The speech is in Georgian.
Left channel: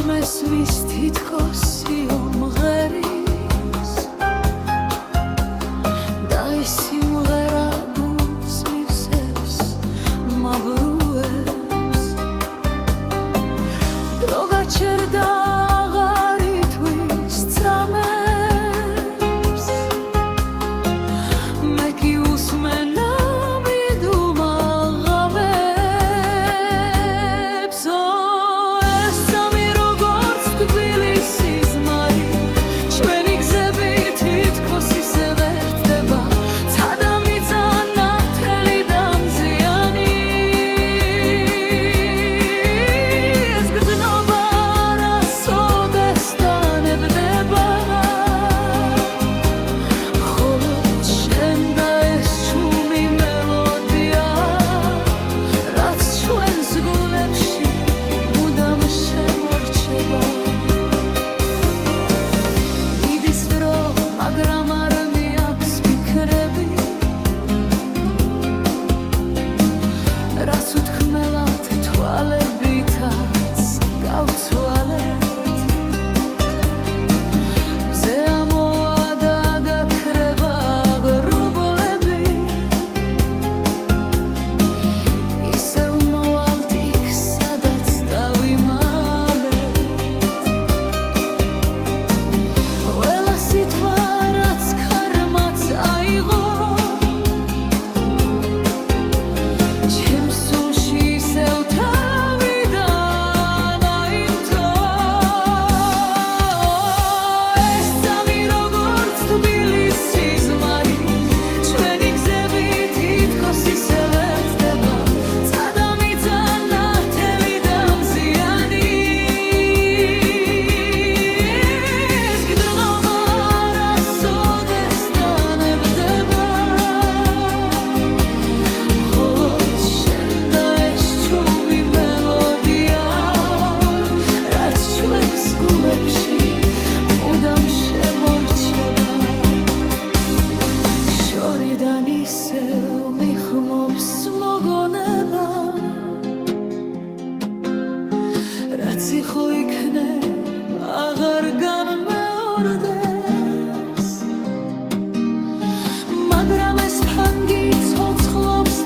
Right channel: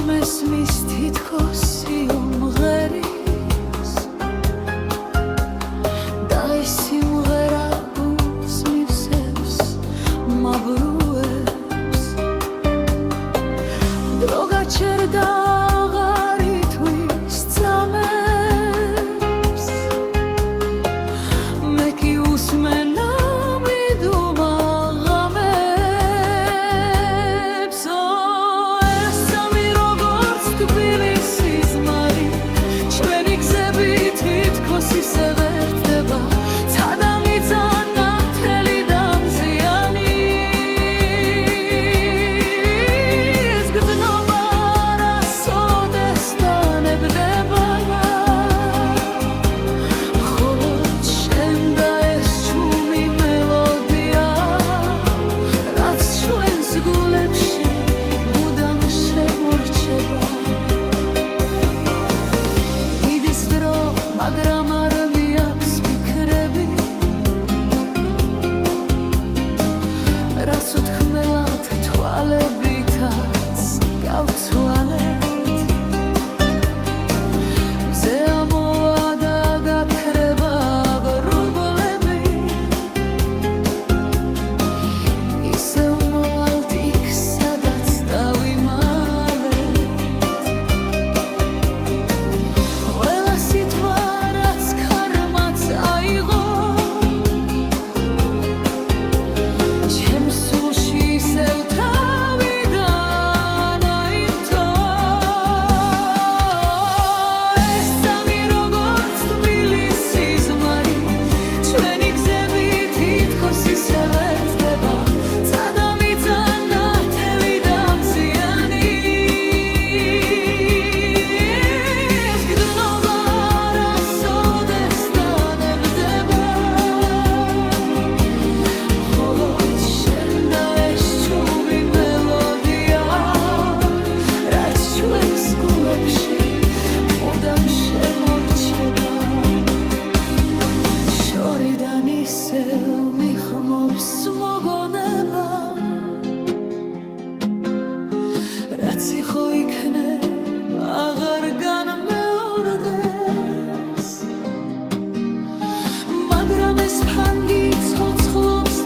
მესმის თითქოს სიმღერის და ეს სიმღერა გულს მივსებს მაბრუებს დრო გაჩერდა აღარ ითვის წამებს მე კი უსმენა ისე ვერ ხდება ცადამიწანა მთელი დამზიანი ეს გრძნობა რასოდეს დანებდება მხოლოდ შენ და ეს ჩუმი მელოდია რაც ჩვენს გულებში მუდამ შემორჩება მიდის დრო მაგრამ არ მიაქვს ფიქრები რაც უთქმელად თვალებითაც გავცვალეთ მზე ამოვა და გაქრება ღრუბლები ისევ მოვალთ იქ სადაც დავიმალეთ ყველა სიტყვა აიღო ჩემს სულში ისევ თავიდან აიმთო ეს სამი როგორც თბილისი ზმარი ჩვენი გზები თითქოს ისე ვერ ხდება ცადამიწანა მთელი დამზიანი ეს გრძნობა მუდამ შემორჩება შორიდან ისევ მიხმობს მოგონება რაც იყო იქნება აღარ განმეორდეს მაგრამ ეს ფანგი ცოცხლობს